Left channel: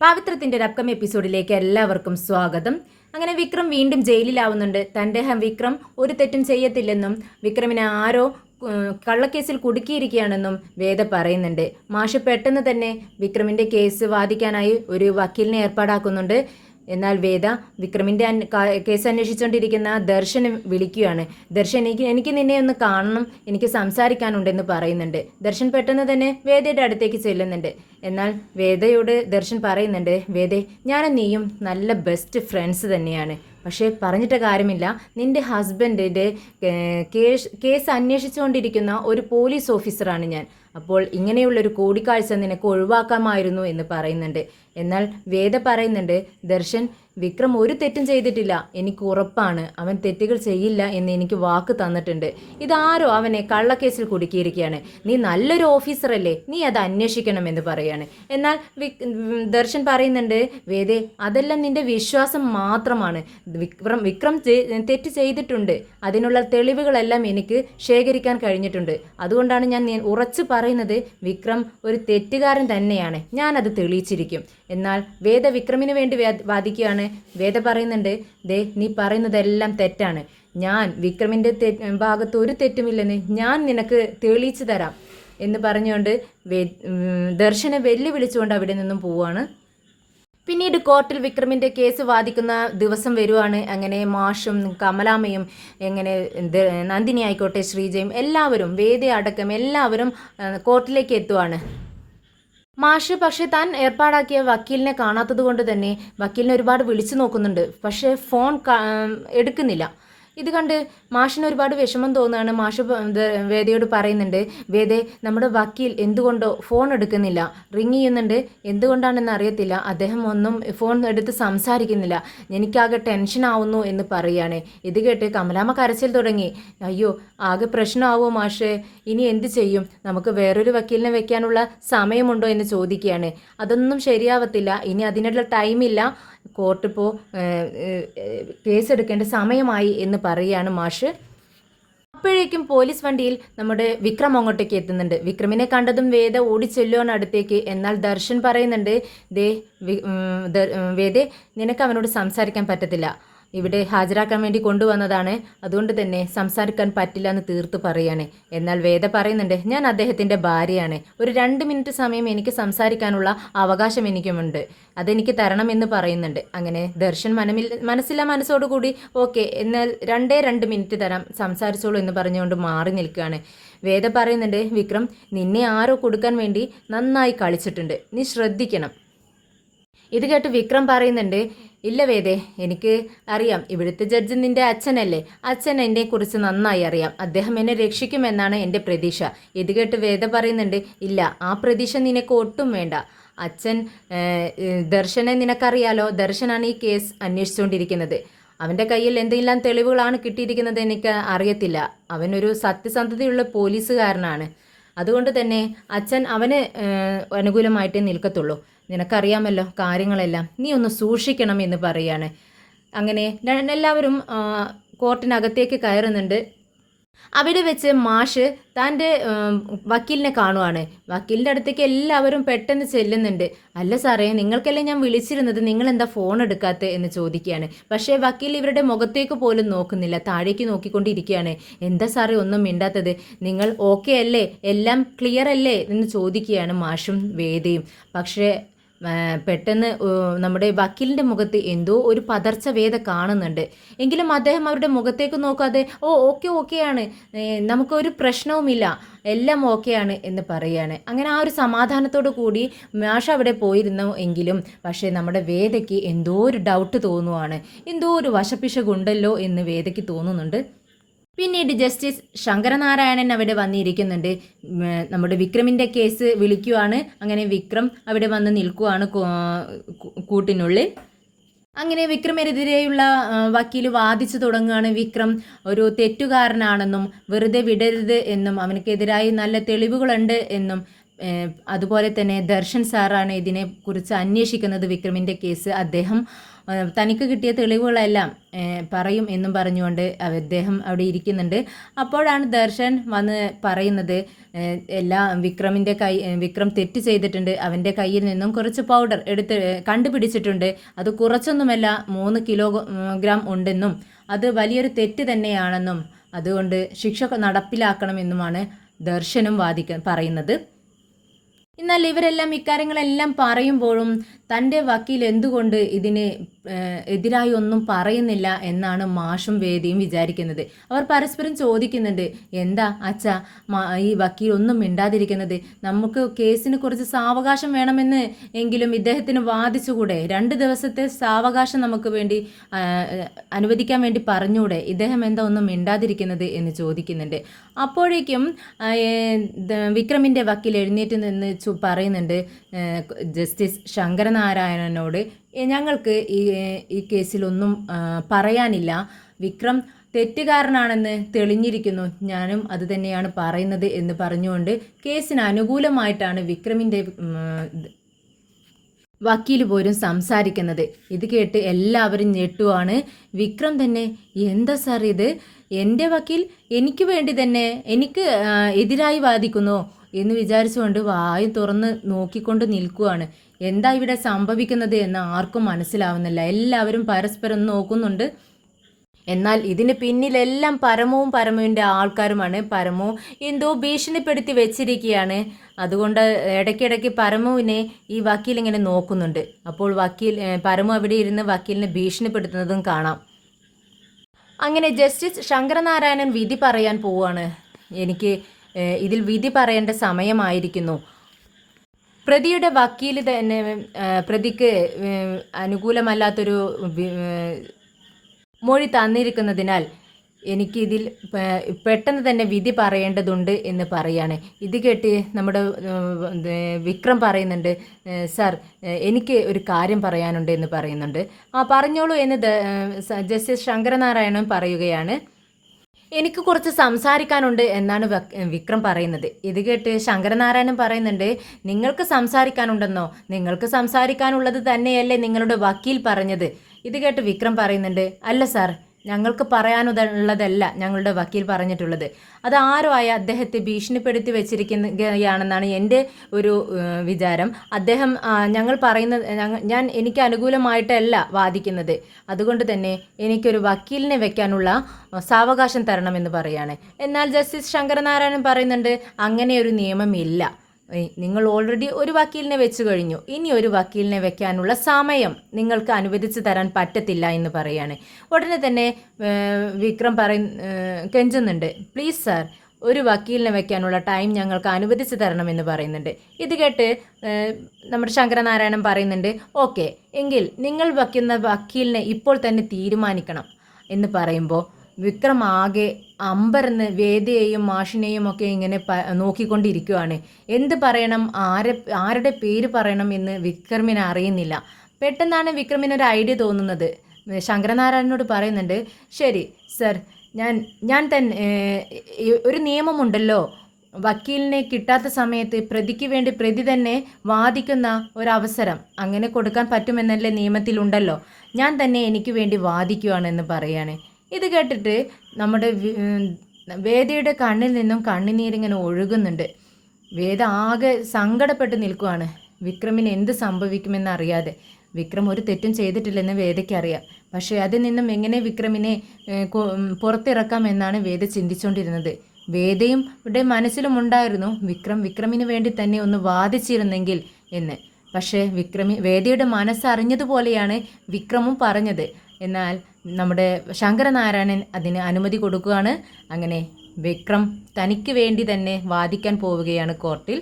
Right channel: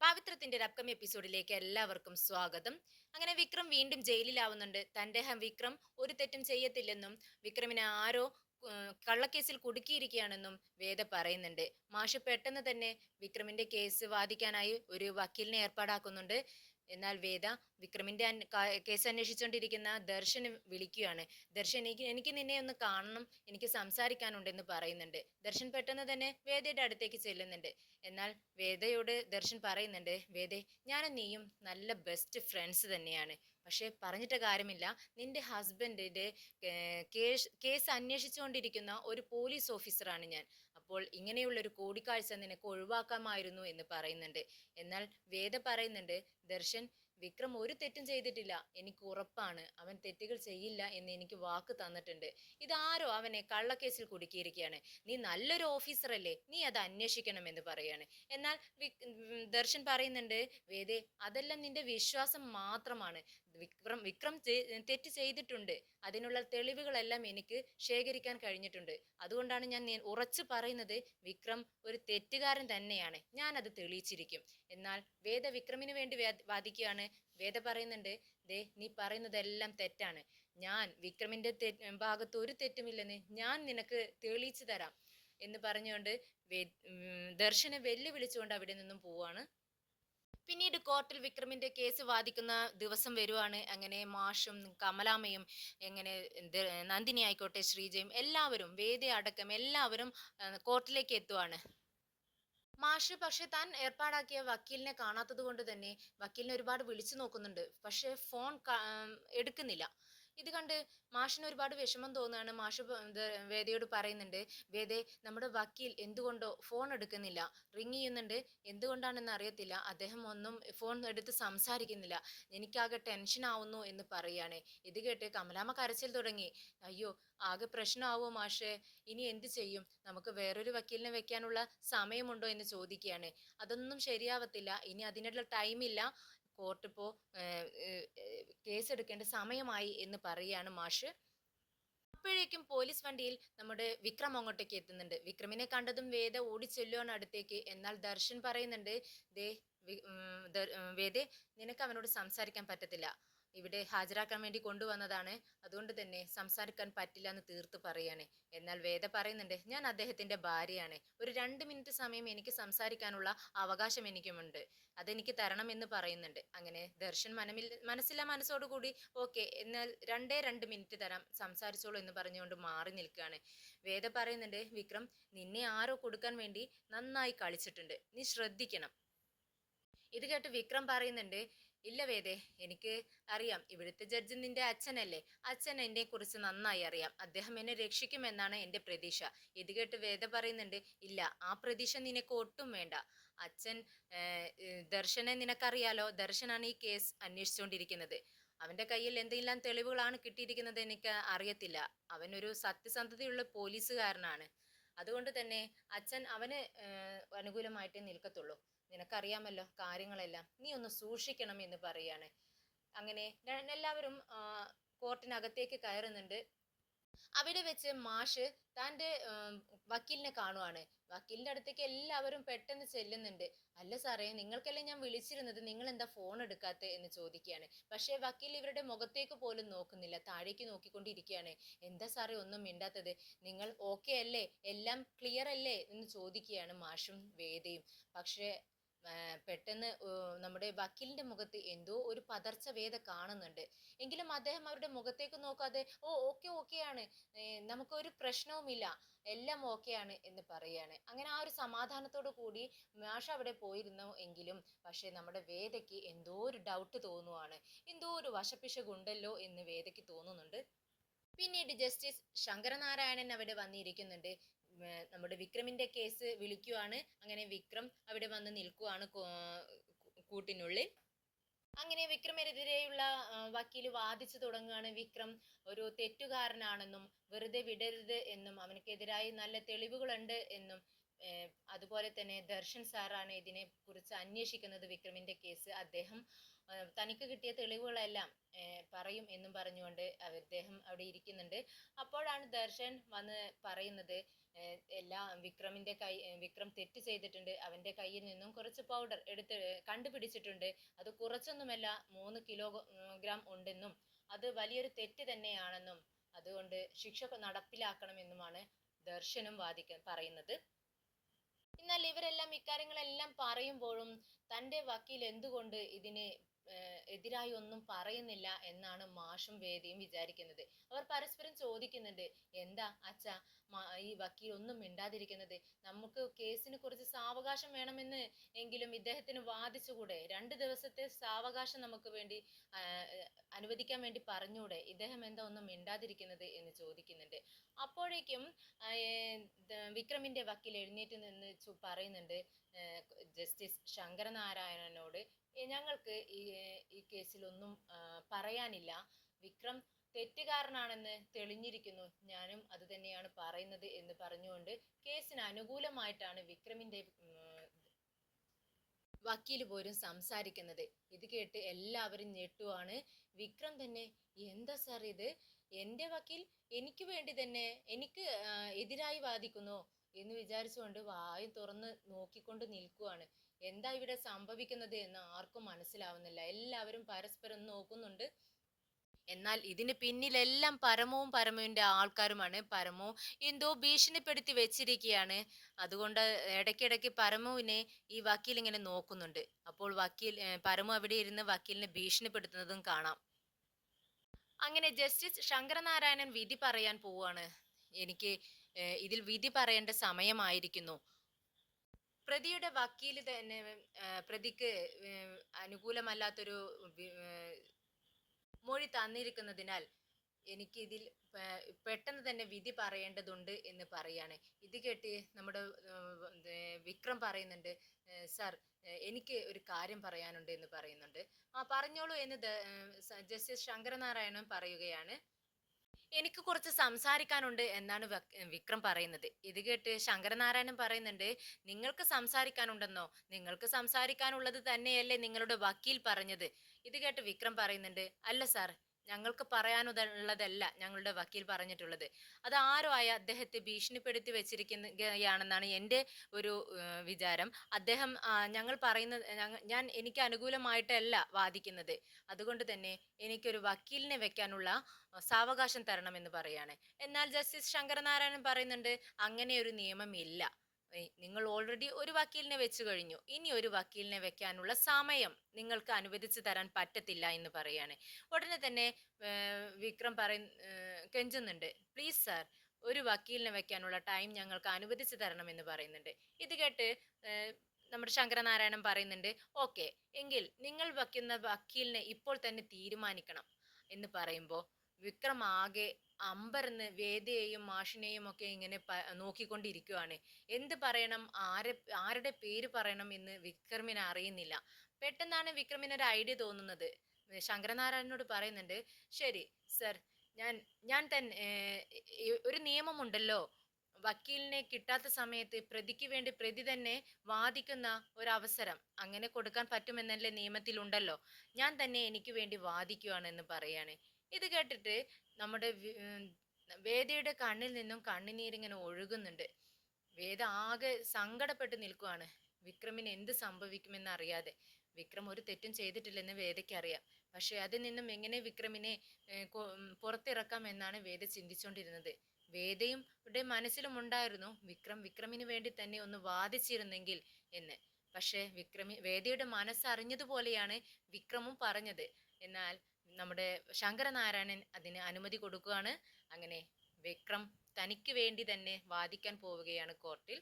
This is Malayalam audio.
പാവിത്രത്തിന്റെ ഒരു അപ്കമിങ് എപ്പിസോഡിലേക്ക് എല്ലാവർക്കും സ്വാഗതം. അങ്ങനെ വിക്രം വീണ്ടും ജയിലിലാവുന്നുണ്ട്. തൻ്റെ വിക്രം ഒരു തെറ്റും ചെയ്യത്തില്ലെന്നും വിക്രമിനെ ആരോ കള്ളക്കേസിൽ കുടുക്കിയിരിക്കുകയാണെന്നും വേദ പറയുന്നുണ്ട്. മാഷ് പെട്ടെന്ന് തന്നെ വിക്രമിന്റെ കേസ് വാദിക്കാനായി ഒരു വക്കീലിനെ ഏർപ്പാടാക്കുന്നുണ്ട്. എന്നാൽ വേദ വിക്രമിൻ്റെ കേസ് അന്വേഷിച്ചുകൊണ്ടിരിക്കുന്ന ദർശനെ വിളിക്കുകയാണ്. ദർശൻ, എനിക്ക് നിന്നെ ഒന്ന് കാണണം, എനിക്ക് സംസാരിക്കാനുണ്ടെന്ന് പറയുന്നുണ്ട്. ദർശൻ പെട്ടെന്ന് തന്നെ വേദയുടെ അടുത്തേക്ക് ചെല്ലുന്നുണ്ട്. എന്നാൽ വേദയോട് ദർശൻ പറയുന്നുണ്ട്, വേദേ, ഞാനും നീയും നല്ല ബെസ്റ്റ് ഫ്രണ്ട്സ് തന്നെയാണ്. പക്ഷേ പറഞ്ഞിട്ട് കാര്യമില്ല, നിൻ്റെ ഹസ്ബൻഡിൻ്റെ കേസ് അന്വേഷിച്ചുകൊണ്ടിരിക്കുന്ന ഒരു പോലീസ് ഓഫീസറാണ് ഞാൻ. അപ്പോൾ ഇങ്ങനെയുള്ളൊരു കൂടിക്കാഴ്ച നിനക്ക് ഒഴിവാക്കാമായിരുന്നു എന്ന് പറയുന്നുണ്ട്. എന്നാൽ വേദ പറയുന്നുണ്ട്, ദർശൻ, വിക്രം ഒരു തെറ്റും ചെയ്തിട്ടില്ല, എനിക്ക് ഉറപ്പാണ്. അവൻ തെറ്റുകൾ ചെയ്യില്ല എന്ന് എനിക്ക് വാക്ക് തന്നിട്ടുണ്ട്. ഇതാരോ അവനെ കള്ളക്കേസിൽ കുടുക്കിയിരിക്കുകയാണ്. നീ നല്ലൊരു ഓഫീസറല്ലേ, നീ അത് അന്വേഷിക്കണമെന്ന് പറയാണ്. എന്നാൽ ദർശൻ പറയുന്നുണ്ട്, വേദേ, അതെല്ലാം നിന്റെ വിശ്വാസം മാത്രമാണ്. വിക്രം തെറ്റ് ചെയ്തിട്ടുണ്ട്. അതിനുള്ള തെളിവുകളെല്ലാം എനിക്ക് ശേഖരിക്കാൻ കഴിഞ്ഞിട്ടുണ്ട്. അതുകൊണ്ടാണ് ഞാൻ ഉറച്ചു പറയുന്നത്, വിക്രം ഒരു തെറ്റുകാരൻ തന്നെയാണ്. ഞാനത് തെളിയിച്ചിരിക്കും. എന്നാൽ വേദ വിക്രമിന് വേണ്ടി വാദിക്കുകയാണ്. വേദ പറയുന്നുണ്ട്, ദേ, നീ പറയുന്നതെല്ലാം തെറ്റാണ്. ഞാൻ വിക്രമിൻ്റെ ഭാഗത്ത് ഒരു തെറ്റുമില്ലെന്ന് ഞാൻ നിനക്ക് തെളിയിച്ചു തരാം എന്ന് പറഞ്ഞുകൊണ്ട് ദർശനെ വെല്ലുവിളിച്ചുകൊണ്ട് അവിടെ നിന്നും പോവുകയാണ്. പിന്നീട് കോർട്ടിൽ വിക്രമിൻ്റെ കേസ് വാദിക്കുന്ന ദിവസം വരുവാണ്. അങ്ങനെ മാഷും കമലാമ്മയും എങ്ങനെ നന്ദിനി ആയിക്കോട്ടെ ശ്രീജയും എല്ലാവരും വേദയടക്കം എല്ലാവരും കോർട്ടിലേക്ക് എത്തുവാണ്. മാഷ് പക്ഷേ താൻ ഏർപ്പാടാക്കിയ വക്കീലിനെ കാണാത്തത് കൊണ്ട് തന്നെ വക്കീലിനെ ഒരുപാട് വിളിച്ചു നോക്കുന്നുണ്ട്. പക്ഷേ ഫോൺ എടുക്കുന്നില്ല. ഇത് കണ്ട് മാഷിന് ഒരുപാട് വിഷമം തോന്നുകയാണ്. മാഷ് വേദയോട് പറയുന്നുണ്ട്, വേദേ, നമ്മുടെ വക്കീൽ എന്തുകൊണ്ടോ ഫോൺ എടുക്കുന്നില്ല, റിങ് ചെയ്യുന്നുണ്ട്. എന്തുകൊണ്ടാണെന്ന് അറിയത്തില്ല, അദ്ദേഹം ഒന്നും ഫോൺ എടുത്ത് സംസാരിക്കുന്നില്ല. എനിക്കാകെ ടെൻഷൻ ആവുന്നു എന്ന് പറയുകയാണ്. ഇത് കേട്ട് കമലാമ്മ കരച്ചിൽ തുടങ്ങി. അയ്യോ, ആകെ പ്രശ്നമാവോ മാഷേ, ഇനി എന്ത് ചെയ്യും? നമുക്ക് വേറൊരു വക്കീലിനെ വെക്കാനുള്ള സമയമുണ്ടോ എന്ന് ചോദിക്കുകയാണ്. അതൊന്നും ശരിയാവത്തില്ല, ഇനി അതിനുള്ള ടൈമില്ല, കോർട്ടിപ്പോൾ കേസെടുക്കേണ്ട സമയമായി എന്ന് പറയുകയാണ് മാഷ്. അപ്പോഴേക്കും പോലീസ് വണ്ടിയിൽ നമ്മുടെ വിക്രം അങ്ങോട്ടേക്ക് എത്തുന്നുണ്ട്. വിക്രമിനെ കണ്ടതും വേദ ഓടിച്ചെല്ലുവാണ് അടുത്തേക്ക്. എന്നാൽ ദർശൻ പറയുന്നുണ്ട്, വേദേ, നിനക്ക് അവനോട് സംസാരിക്കാൻ പറ്റത്തില്ല, ഇവിടെ ഹാജരാക്കാൻ വേണ്ടി കൊണ്ടുവന്നതാണ്, അതുകൊണ്ട് തന്നെ സംസാരിക്കാൻ പറ്റില്ല എന്ന് തീർത്ത് പറയാണ്. എന്നാൽ വേദ പറയുന്നുണ്ട്, ഞാൻ അദ്ദേഹത്തിൻ്റെ ഭാര്യയാണ്, ഒരു 2 മിനിറ്റ് സമയം എനിക്ക് സംസാരിക്കാനുള്ള അവകാശം എനിക്കുമുണ്ട്, അതെനിക്ക് തരണമെന്ന് പറയുന്നുണ്ട്. അങ്ങനെ ദർശൻ മനസ്സില്ല മനസ്സോടുകൂടി ഓക്കെ, എന്നാൽ 2 മിനിറ്റ് തരാം, സംസാരിച്ചോളൂ എന്ന് പറഞ്ഞുകൊണ്ട് മാറി നിൽക്കുകയാണ്. വേദ പറയുന്നുണ്ട്, വിക്രം, നിന്നെ ആരോ കൊടുക്കാൻ വേണ്ടി നന്നായി കളിച്ചിട്ടുണ്ട്, നീ ശ്രദ്ധിക്കണം. ഇത് കേട്ട് വിക്രം പറയുന്നുണ്ട്, ഇല്ല വേദേ, എനിക്ക് അറിയാം, ഇവിടുത്തെ ജഡ്ജ് നിൻ്റെ അച്ഛനല്ലേ, അച്ഛൻ എന്നെക്കുറിച്ച് നന്നായി അറിയാം, അദ്ദേഹം എന്നെ രക്ഷിക്കുമെന്നാണ് എൻ്റെ പ്രതീക്ഷ. ഇത് കേട്ട് വേദ പറയുന്നുണ്ട്, ഇല്ല, ആ പ്രതീക്ഷ നിനക്ക് ഒട്ടും വേണ്ട. അച്ഛൻ ദർശനെ നിനക്കറിയാലോ, ദർശനാണ് ഈ കേസ് അന്വേഷിച്ചുകൊണ്ടിരിക്കുന്നത്. അവൻ്റെ കയ്യിൽ എന്തെല്ലാം തെളിവുകളാണ് കിട്ടിയിരിക്കുന്നത് എനിക്ക് അറിയത്തില്ല. അവനൊരു സത്യസന്ധതയുള്ള പോലീസുകാരനാണ്. അതുകൊണ്ട് തന്നെ അച്ഛൻ അവന് അനുകൂലമായിട്ടേ നിൽക്കത്തുള്ളൂ. നിനക്കറിയാമല്ലോ കാര്യങ്ങളെല്ലാം, നീ ഒന്ന് സൂക്ഷിക്കണം എന്ന് പറയാണ്. അങ്ങനെ എല്ലാവരും കോർട്ടിനകത്തേക്ക് കയറുന്നുണ്ട്. അവിടെ വെച്ച് മാഷ് തൻ്റെ വക്കീലിനെ കാണുവാണ്. വക്കീലിൻ്റെ അടുത്തേക്ക് എല്ലാവരും പെട്ടെന്ന് ചെല്ലുന്നുണ്ട്. അല്ല സാറേ, നിങ്ങൾക്കല്ലേ ഞാൻ വിളിച്ചിരുന്നത്, നിങ്ങൾ എന്താ ഫോൺ എടുക്കാത്ത എന്ന് ചോദിക്കുകയാണ്. പക്ഷേ വക്കീൽ ഇവരുടെ മുഖത്തേക്ക് പോലും നോക്കുന്നില്ല, താഴേക്ക് നോക്കിക്കൊണ്ടിരിക്കുകയാണ്. എന്താ സാറേ ഒന്നും മിണ്ടാത്തത്, നിങ്ങൾ ഓക്കെ അല്ലേ, എല്ലാം ക്ലിയർ അല്ലേ എന്ന് ചോദിക്കുകയാണ് മാഷും വേദയും. പക്ഷേ പെട്ടെന്ന് നമ്മുടെ വക്കീലിൻ്റെ മുഖത്ത് എന്തോ ഒരു പതർച്ച വേദ കാണുന്നുണ്ട്. എങ്കിലും അദ്ദേഹം അവരുടെ മുഖത്തേക്ക് നോക്കാതെ ഓക്കെയാണ്, നമുക്കൊരു പ്രശ്നവുമില്ല, എല്ലാം ഓക്കെയാണ് എന്ന് പറയുകയാണ്. അങ്ങനെ ആ ഒരു സമാധാനത്തോടു കൂടി മാഷ് അവിടെ പോയിരുന്നു. എങ്കിലും പക്ഷേ നമ്മുടെ വേദയ്ക്ക് എന്തോ ഒരു ഡൗട്ട് തോന്നുവാണ്, എന്തോ ഒരു വശപ്പിശകുണ്ടല്ലോ എന്ന് വേദയ്ക്ക് തോന്നുന്നുണ്ട്. പിന്നീട് ജസ്റ്റിസ് ശങ്കരനാരായണൻ അവിടെ വന്നിരിക്കുന്നുണ്ട്. നമ്മുടെ വിക്രമിൻ്റെ കേസ് വിളിക്കുവാണ്. അങ്ങനെ വിക്രം അവിടെ വന്ന് നിൽക്കുവാണ് കൂട്ടിനുള്ളിൽ. അങ്ങനെ വിക്രമിനെതിരെയുള്ള വക്കീൽ വാദിച്ചു തുടങ്ങുകയാണ്. വിക്രം ഒരു തെറ്റുകാരനാണെന്നും വെറുതെ വിടരുത് എന്നും അവനക്കെതിരായി നല്ല തെളിവുകളുണ്ട് എന്നും അതുപോലെ തന്നെ ദർശൻ സാറാണ് ഇതിനെക്കുറിച്ച് അന്വേഷിക്കുന്നത് വിക്രമിൻ്റെ കേസ്. അദ്ദേഹം തനിക്ക് കിട്ടിയ തെളിവുകളെല്ലാം പറയും എന്നും പറഞ്ഞുകൊണ്ട് അദ്ദേഹം അവിടെ ഇരിക്കുന്നുണ്ട്. അപ്പോഴാണ് ദർശൻ വന്ന് പറയുന്നത് വിക്രം തെറ്റ് ചെയ്തിട്ടുണ്ട്, അവൻ്റെ കയ്യിൽ നിന്നും കുറച്ച് പൗഡർ കണ്ടുപിടിച്ചിട്ടുണ്ട്, അത് കുറച്ചൊന്നുമല്ല 3 കിലോഗ്രാം ഉണ്ടെന്നും അത് വലിയൊരു തെറ്റ് തന്നെയാണെന്നും അതുകൊണ്ട് ശിക്ഷ നടപ്പിലാക്കണമെന്നുമാണ് ദർശനും പറയുന്നത്. എന്നാൽ ഇവരെല്ലാം ഇക്കാര്യങ്ങളെല്ലാം പറയുമ്പോഴും തൻ്റെ വക്കീൽ എന്തുകൊണ്ട് ഇതിന് എതിരായി ഒന്നും പറയുന്നില്ല എന്നാണ് മാഷും വേദിയും വിചാരിക്കുന്നത്. അവർ പരസ്പരം ചോദിക്കുന്നുണ്ട്, എന്താ അച്ഛാ ഈ വക്കീൽ ഒന്നും മിണ്ടാതിരിക്കുന്നത്? നമുക്ക് കേസിന് കുറച്ച് സാവകാശം വേണമെന്ന് എങ്കിലും ഇദ്ദേഹത്തിന് വാദിച്ചുകൂടെ? 2 ദിവസത്തെ സാവകാശം നമുക്ക് വേണ്ടി അനുവദിക്കാൻ വേണ്ടി പറഞ്ഞുകൂടെ? ഇദ്ദേഹം എന്താ ഒന്നും മിണ്ടാതിരിക്കുന്നത് എന്ന് ചോദിക്കുന്നുണ്ട്. അപ്പോഴേക്കും വിക്രമിൻ്റെ വക്കീൽ എഴുന്നേറ്റ് നിന്ന് പറയുന്നുണ്ട് ജസ്റ്റിസ് ശങ്കരനാരായണനോട്, ഞങ്ങൾക്ക് ഈ കേസിലൊന്നും പറയാനില്ല. വിക്രം തെറ്റുകാരനാണെന്ന് തെളിഞ്ഞിരിക്കുന്നു, ഞാനും അത് തന്നെയാണ് പറയുന്നത് എന്ന് പറഞ്ഞുകൊണ്ട് കേസിന് അനുകൂലമായിട്ടാണ് വിക്രമിൻ്റെ വക്കീൽ പോലും സംസാരിക്കുന്നത്. ഇത് കേട്ട് എല്ലാവരും ഞെട്ടുവാണ്. വിക്രം തന്നെ, എന്താ സാർ ഇത്? എൻ്റെ വക്കീൽ എനിക്ക് വേണ്ടി തന്നെ എനിക്ക് എതിരായി വാദിക്കുന്നോ എന്ന് വിചാരിച്ചുകൊണ്ട് വായു തുറന്ന് നോക്കിക്കൊണ്ട് നിൽക്കുകയാണ്. എന്താ ഇവിടെ സംഭവിക്കുന്നത് എന്ന് ആർക്കും മനസ്സിലാവുന്നില്ല. എല്ലാവരും പരസ്പരം നോക്കുന്നുണ്ട്. എന്നാൽ ഇതിന് പിന്നിലെല്ലാം പരമുവിൻ്റെ ആൾക്കാരുമാണ്. പരമു എന്തോ ഭീഷണിപ്പെടുത്തി വെച്ചിരിക്കുകയാണ്. അതുകൊണ്ട് ഇടയ്ക്കിടയ്ക്ക് പരമുവിനെ ഈ വക്കീൽ ഇങ്ങനെ നോക്കുന്നുണ്ട്. അപ്പോൾ പരമു അവിടെ ഇരുന്ന് വക്കീലിനെ ഭീഷണിപ്പെടുത്തുന്നതും കാണാം. അങ്ങനെ ജസ്റ്റിസ് ശങ്കരനാരായണൻ വിധി പറയാൻ പോവുകയാണ്. എനിക്ക് ഇതിൽ വിധി പറയേണ്ട സമയമായിരിക്കുന്നു. പ്രതിയുടെ വക്കീൽ തന്നെ പ്രതിക്ക് അനുകൂലമല്ലാത്തൊരു മൊഴി തന്നിരിക്കുന്നതിനാൽ എനിക്കിതിൽ പെട്ടെന്ന് തന്നെ വിധി പറയേണ്ടതുണ്ട് എന്ന് പറയാണ്. ഇത് കേട്ട് നമ്മുടെ വിക്രം പറയുന്നുണ്ട്, സാർ എനിക്ക് ഒരു കാര്യം പറയാനുണ്ട് എന്ന് പറയുന്നുണ്ട്. പറഞ്ഞോളൂ എന്ന് ജസ്റ്റിസ് ശങ്കരനാരായണൻ പറയുകയാണ്. എനിക്ക് കുറച്ച് സംസാരിക്കാനുണ്ട് എന്നാണ് വിക്രം പറയുന്നത്. ഇത് കേട്ട് ശങ്കരനാരായണൻ പറയുന്നുണ്ട്, നിങ്ങൾക്ക് സംസാരിക്കാനുണ്ടെന്നോ? നിങ്ങൾക്ക് സംസാരിക്കാനുള്ളത് തന്നെയല്ലേ നിങ്ങളുടെ വക്കീൽ പറഞ്ഞത്? ഇത് കേട്ട് വിക്രം പറയുന്നുണ്ട്, അല്ല സാർ, ഞങ്ങൾക്ക് പറയാനുള്ളതല്ല ഞങ്ങളുടെ വക്കീൽ പറഞ്ഞിട്ടുള്ളത്. അത് ആരോ ആയ അദ്ദേഹത്തെ ഭീഷണിപ്പെടുത്തി വെച്ചിരിക്കുകയാണെന്നാണ് എൻ്റെ ഒരു വിചാരം. അദ്ദേഹം എനിക്ക് അനുകൂലമായിട്ടല്ല വാദിക്കുന്നത്. അതുകൊണ്ട് തന്നെ എനിക്കൊരു വക്കീലിനെ വെക്കാനുള്ള സാവകാശം തരണമെന്ന് പറയാണ്. എന്നാൽ ജസ്റ്റിസ് ശങ്കരനാരായണൻ പറയുന്നുണ്ട്, അങ്ങനെ ഒരു നിയമമില്ല. നിങ്ങൾ ഓൾറെഡി ഒരു വക്കീലിനെ വെച്ച് കഴിഞ്ഞു, ഇനി ഒരു വക്കീലിനെ വെക്കാനുള്ള സമയം നിങ്ങൾക്ക് അനുവദിച്ചു തരാൻ പറ്റത്തില്ല എന്ന് പറയാണ്. ഉടനെ തന്നെ വിക്രം കെഞ്ചുന്നുണ്ട്, പ്ലീസ് സാർ, ഒരു വക്കീലിനെ വെക്കാനുള്ള ടൈം ഞങ്ങൾക്ക് അനുവദിച്ചു തരണമെന്ന് പറയുന്നുണ്ട്. ഇത് കേട്ട് നമ്മുടെ ശങ്കരനാരായണൻ പറയുന്നുണ്ട്, ഓക്കെ, എങ്കിൽ നിങ്ങൾ വയ്ക്കുന്ന വക്കീലിനെ ഇപ്പോൾ തന്നെ തീരുമാനിക്കണം എന്ന് പറയുമ്പോൾ വിക്രം ആകെ അമ്പരന്ന് വേദിയെയും മാഷിനെയും ഒക്കെ ഇങ്ങനെ നോക്കിക്കൊണ്ടിരിക്കുകയാണ്. എന്ത് പറയണം, ആരുടെ പേര് പറയണം എന്ന് വിക്രമിന് അറിയുന്നില്ല. പെട്ടെന്നാണ് വിക്രമിനൊരു ഐഡിയ തോന്നുന്നത്. ശങ്കരനാരായണനോട് പറയുന്നുണ്ട്, ശരി സർ, ഞാൻ തന്നെ ഒരു നിയമമുണ്ടല്ലോ, വക്കീലിനെ കിട്ടാത്ത സമയത്ത് പ്രതിക്ക് വേണ്ടി പ്രതി തന്നെ വാദിക്കുന്ന ഒരവസരം അങ്ങനെ കൊടുക്കാൻ പറ്റുമെന്നല്ലേ നിയമത്തിലുണ്ടല്ലോ, ഞാൻ തന്നെ എനിക്ക് വേണ്ടി വാദിക്കുകയാണെന്ന് പറയാണ്. ഇത് കേട്ടിട്ട് നമ്മുടെ വേദയുടെ കണ്ണിൽ നിന്നും കണ്ണുനീരിങ്ങനെ ഒഴുകുന്നുണ്ട്. വേദ ആകെ സങ്കടപ്പെട്ട് നിൽക്കുകയാണ്. വിക്രമിന് എന്ത് സംഭവിക്കുമെന്ന് അറിയാതെ. വിക്രം ഒരു തെറ്റും ചെയ്തിട്ടില്ലെന്ന് വേദയ്ക്കറിയാം. പക്ഷേ അതിൽ നിന്നും എങ്ങനെ വിക്രമിനെ പുറത്തിറക്കാം എന്നാണ് വേദ ചിന്തിച്ചുകൊണ്ടിരുന്നത്. വേദയും ഇവിടെ മനസ്സിലുമുണ്ടായിരുന്നു വിക്രമിന് വേണ്ടി തന്നെ ഒന്ന് വാദിച്ചിരുന്നെങ്കിൽ എന്ന്. പക്ഷേ വേദയുടെ മനസ്സറിഞ്ഞതുപോലെയാണ് വിക്രമും പറഞ്ഞത്. എന്നാൽ നമ്മുടെ ശങ്കരനാരായണൻ അതിന് അനുമതി കൊടുക്കുകയാണ്. അങ്ങനെ വിക്രം തനിക്ക് വേണ്ടി തന്നെ വാദിക്കാൻ പോവുകയാണ് കോർട്ടിൽ.